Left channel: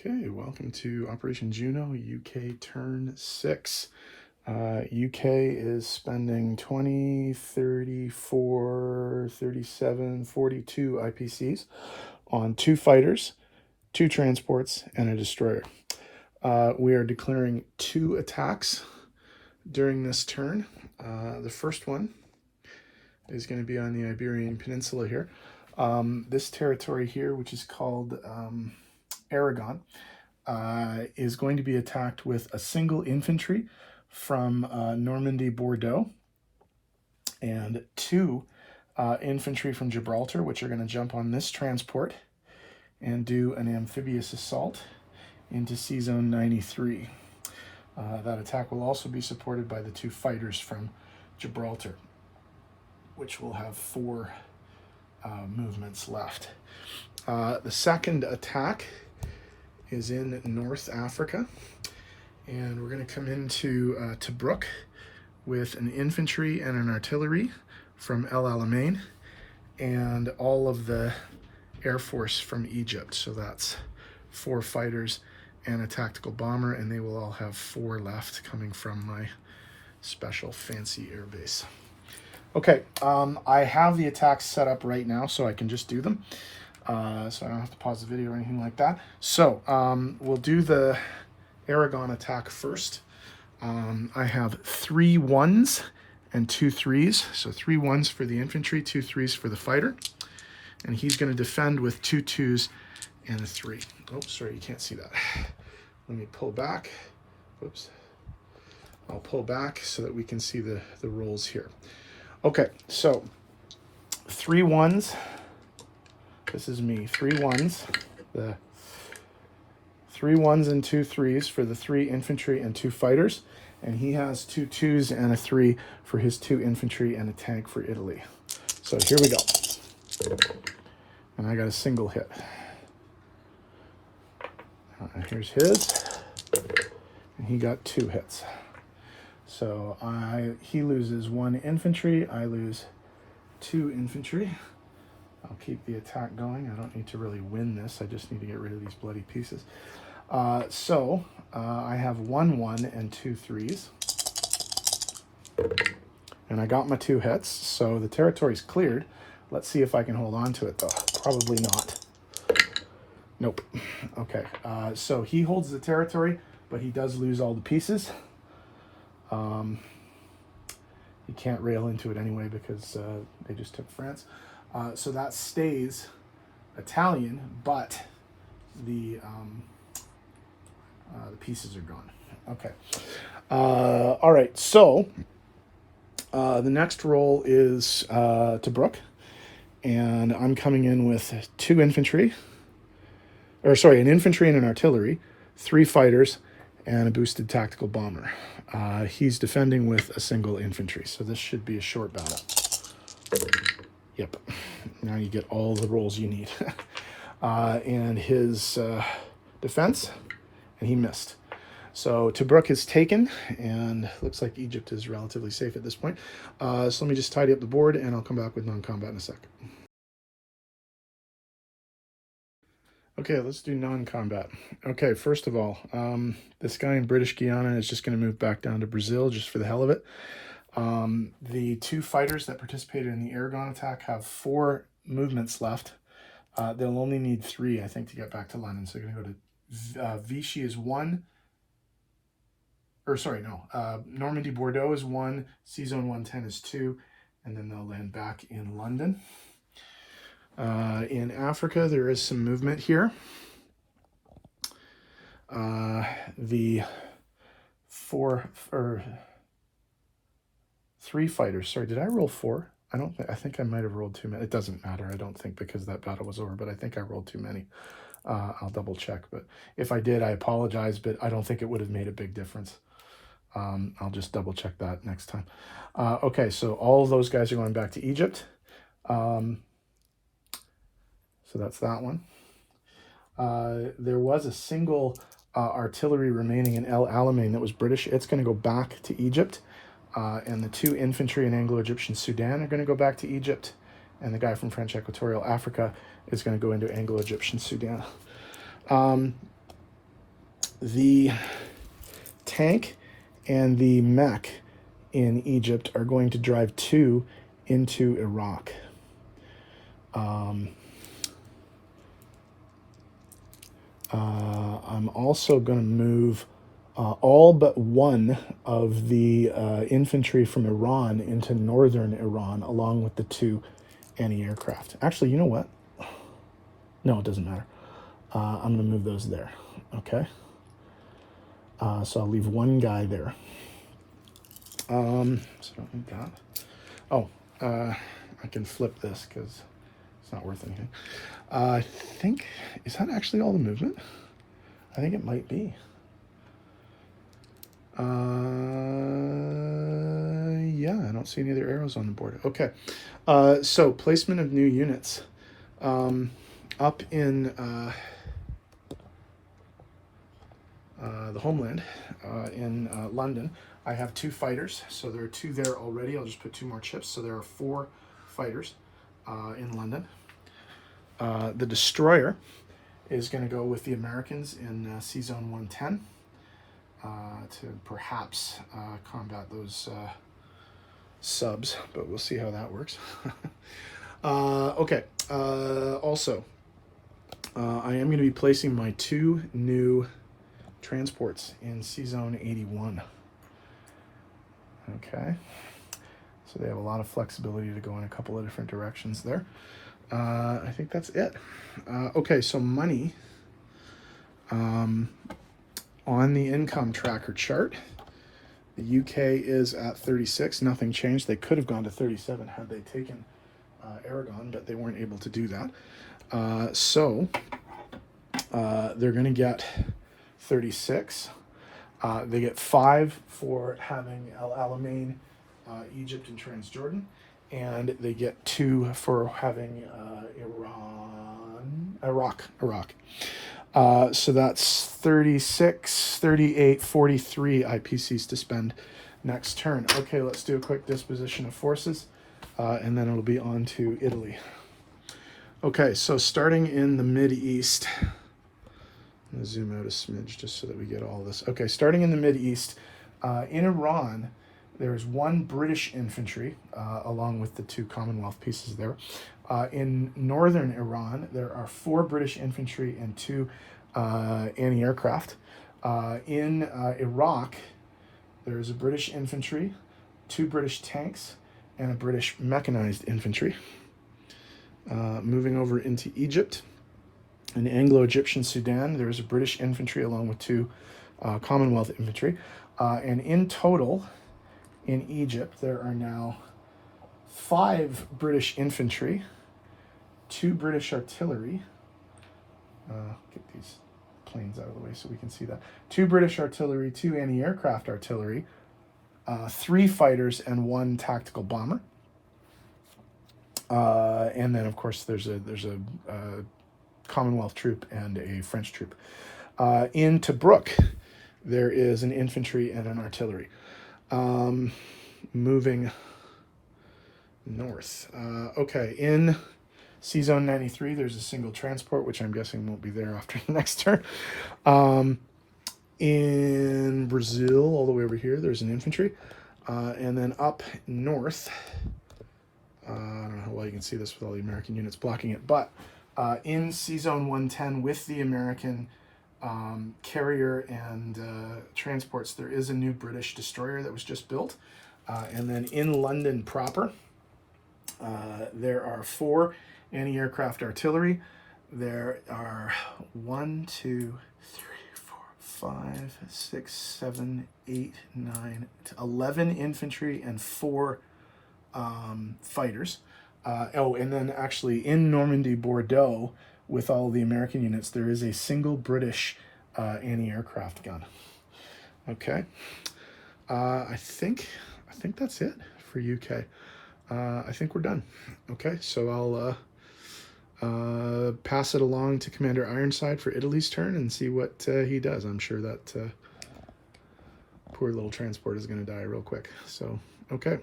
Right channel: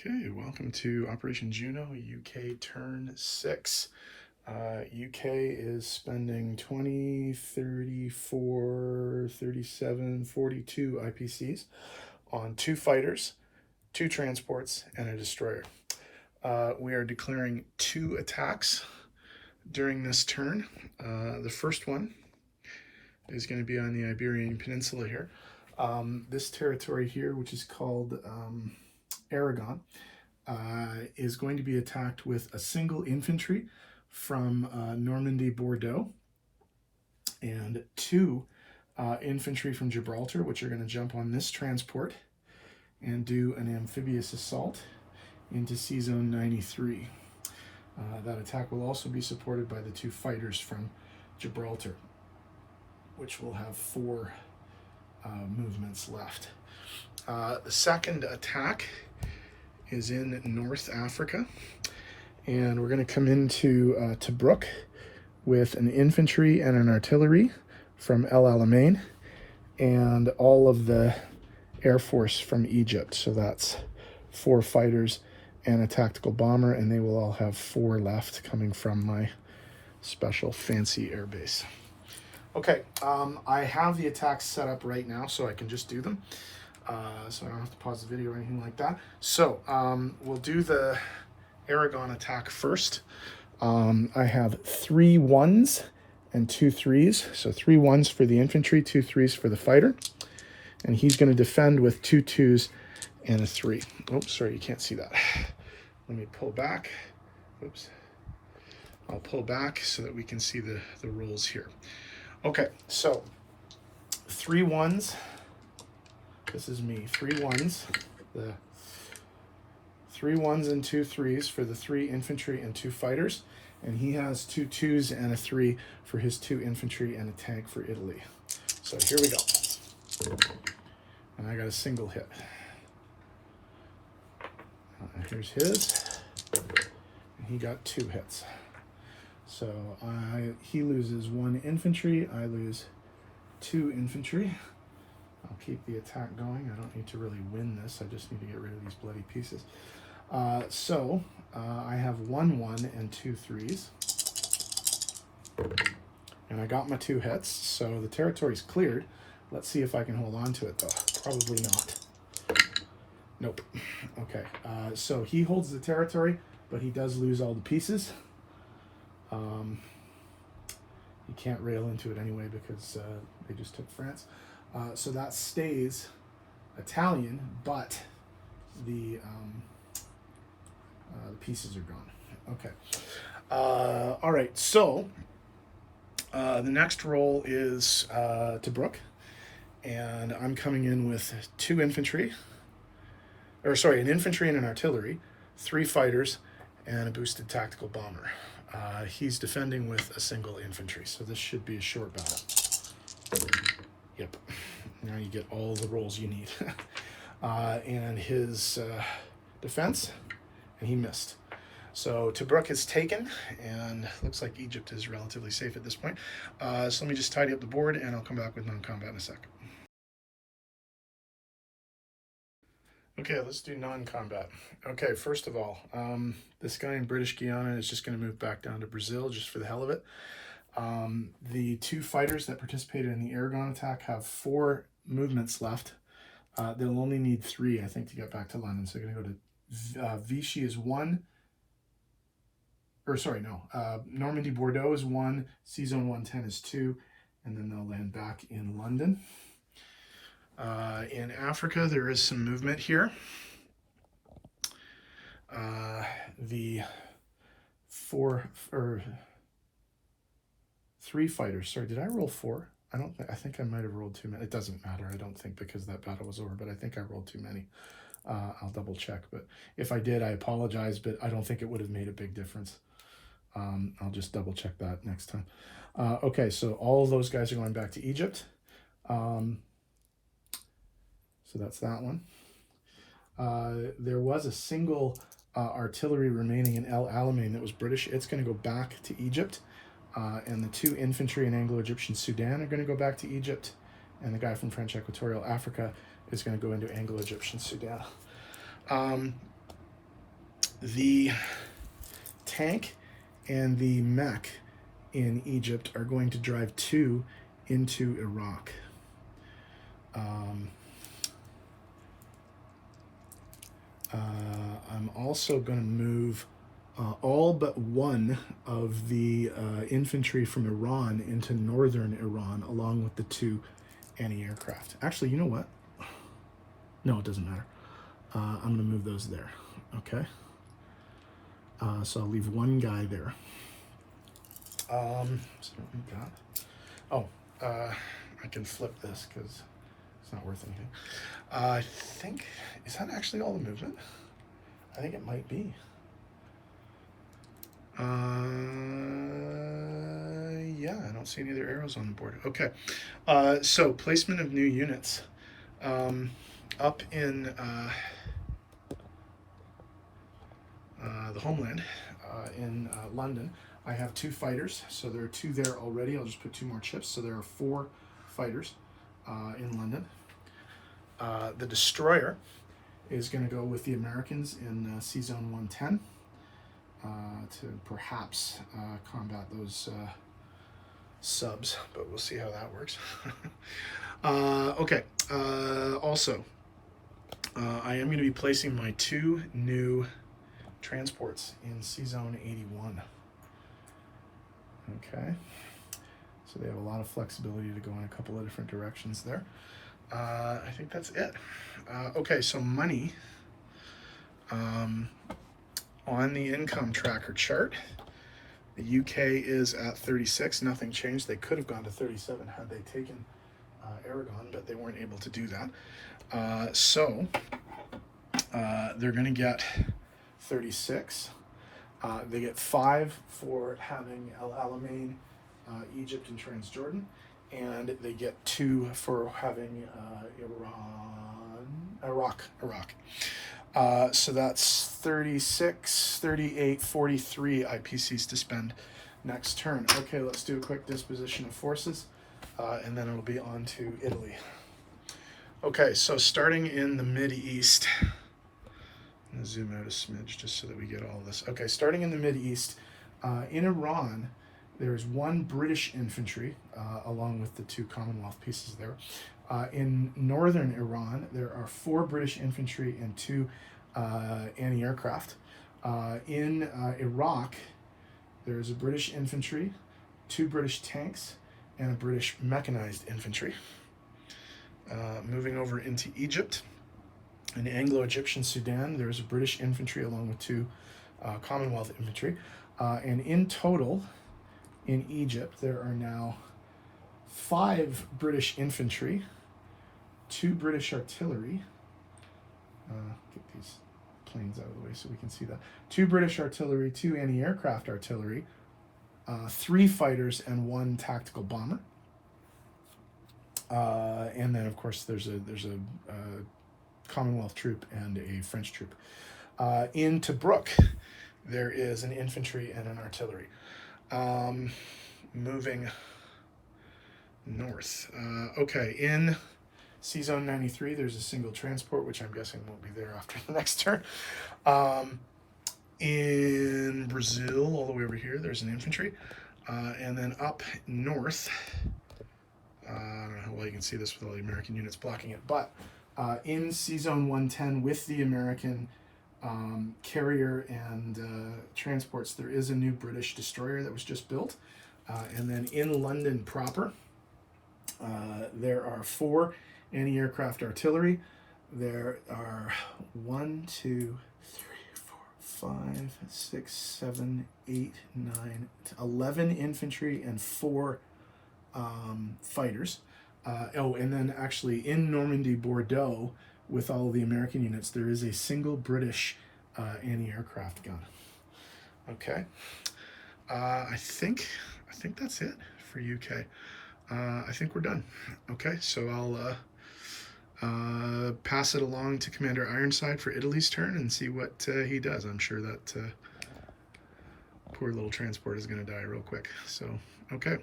Okay, welcome to Operation Juno, UK turn 6. UK is spending 20, 34, 37, 42 IPCs on 2 fighters, 2 transports, and a destroyer. We are declaring 2 attacks during this turn. The first one is going to be on the Iberian peninsula here. This territory here, which is called Aragon, is going to be attacked with a single infantry from Normandy, Bordeaux, and 2 infantry from Gibraltar, which are going to jump on this transport and do an amphibious assault into Sea Zone 93. That attack will also be supported by the 2 fighters from Gibraltar, which will have 4 movements left. The second attack is in North Africa, and we're going to come into Tobruk with an infantry and an artillery from El Alamein and all of the Air Force from Egypt. So that's 4 fighters and a tactical bomber, and they will all have 4 left coming from my special fancy air base. Okay, I have the attacks set up right now so I can just do them. So I don't have to pause the video or anything like that. So we'll do the Aragon attack first. I have 3 1s and 2 3s. So 3 1s for the infantry, 2 3s for the fighter. And he's going to defend with 2 2s and a 3. Oh, sorry, you can't see that. Let me pull back. Oops. I'll pull back so that we can see the rolls here. Okay, so 3 1s. This is me. 3 1s. The 3 1s and 2 3s for the 3 infantry and 2 fighters. And he has 2 2s and a 3 for his 2 infantry and a tank for Italy. So here we go. And I got a single hit. And here's his. And he got 2 hits. So he loses 1 infantry. I lose 2 infantry. I'll keep the attack going. I don't need to really win this. I just need to get rid of these bloody pieces. So I have 1 1 and 2 3s. And I got my 2 hits. So the territory's cleared. Let's see if I can hold on to it, though. Probably not. Nope. Okay. So he holds the territory, but he does lose all the pieces. He can't rail into it anyway because they just took France. So that stays Italian, but the pieces are gone. Okay. All right. So the next roll is Tobruk, and I'm coming in with 2 infantry. Or sorry, an infantry and an artillery, 3 fighters, and a boosted tactical bomber. He's defending with a single infantry, so this should be a short battle. Yep. Now you get all the rolls you need. And his defense, and he missed. So Tobruk is taken, and looks like Egypt is relatively safe at this point. So let me just tidy up the board, and I'll come back with non-combat in a sec. Okay, let's do non-combat. Okay, first of all, this guy in British Guiana is just going to move back down to Brazil just for the hell of it. The 2 fighters that participated in the Aragon attack have 4 movements left. They'll only need 3, I think, to get back to London. So they're going to go to Vichy is 1. Or sorry, no. Normandy, Bordeaux is 1. Sea Zone 110 is 2. And then they'll land back in London. In Africa, there is some movement here. The 3 fighters. Sorry, did I roll 4? I think I might have rolled too many. It doesn't matter, I don't think, because that battle was over, but I think I rolled too many. I'll double check, but if I did, I apologize, but I don't think it would have made a big difference. I'll just double check that next time. Okay, so all of those guys are going back to Egypt. So that's that one. There was a single artillery remaining in El Alamein that was British. It's going to go back to Egypt. And the 2 infantry in Anglo-Egyptian Sudan are going to go back to Egypt. And the guy from French Equatorial Africa is going to go into Anglo-Egyptian Sudan. The tank and the mech in Egypt are going to drive 2 into Iraq. I'm also going to move all but 1 of the infantry from Iran into northern Iran, along with the 2 anti-aircraft. Actually, you know what? No, it doesn't matter. I'm going to move those there, okay? So I'll leave 1 guy there. So like that. Oh, I can flip this because it's not worth anything. I think, is that actually all the movement? I think it might be. Yeah, I don't see any other arrows on the board. Okay, so placement of new units. Up in the homeland, in London, I have 2 fighters, so there are 2 there already. I'll just put 2 more chips, so there are 4 fighters in London. The destroyer is going to go with the Americans in C-Zone 110 to perhaps combat those subs, but we'll see how that works. Okay, also, I am going to be placing my 2 new transports in C-Zone 81. Okay, so they have a lot of flexibility to go in a couple of different directions there. I think that's it. Okay, so money. On the income tracker chart, the UK is at 36. Nothing changed. They could have gone to 37 had they taken Aragon, but they weren't able to do that. So they're going to get 36. They get 5 for having El Alamein, Egypt, and Transjordan, and they get 2 for having Iraq. So that's 36, 38, 43 IPCs to spend next turn. Okay, let's do a quick disposition of forces, and then it'll be on to Italy. Okay, so starting in the Mid-East, I'm going to zoom out a smidge just so that we get all this. Okay, starting in the Mid-East, in Iran, there's 1 British infantry, along with the 2 Commonwealth pieces there. In northern Iran, there are 4 British infantry and 2 anti-aircraft. In Iraq, there's a British infantry, 2 British tanks, and a British mechanized infantry. Moving over into Egypt, in Anglo-Egyptian Sudan, there's a British infantry along with 2 Commonwealth infantry. And in total, in Egypt, there are now 5 British infantry, 2 British artillery. Get these planes out of the way so we can see that. 2 British artillery, 2 anti-aircraft artillery, 3 fighters, and 1 tactical bomber. And then, of course, there's a Commonwealth troop and a French troop. In Tobruk, there is an infantry and an artillery. Moving north. Okay, in C-Zone 93, there's a single transport, which I'm guessing won't be there after the next turn. In Brazil, all the way over here, there's an infantry. And then up north, I don't know how well you can see this with all the American units blocking it, but in C-Zone 110 with the American carrier and transports, there is a new British destroyer that was just built. And then in London proper, there are 4 anti-aircraft artillery. There are 1, 2, 3, 4, 5, 6, 7, 8, 9, 11 infantry and 4 fighters. And then actually in Normandy, Bordeaux, with all the American units, there is a single British anti-aircraft gun. Okay, I think that's it for UK. I think we're done. Okay, so I'll pass it along to Commander Ironside for Italy's turn and see what he does. I'm sure that poor little transport is going to die real quick. So, okay.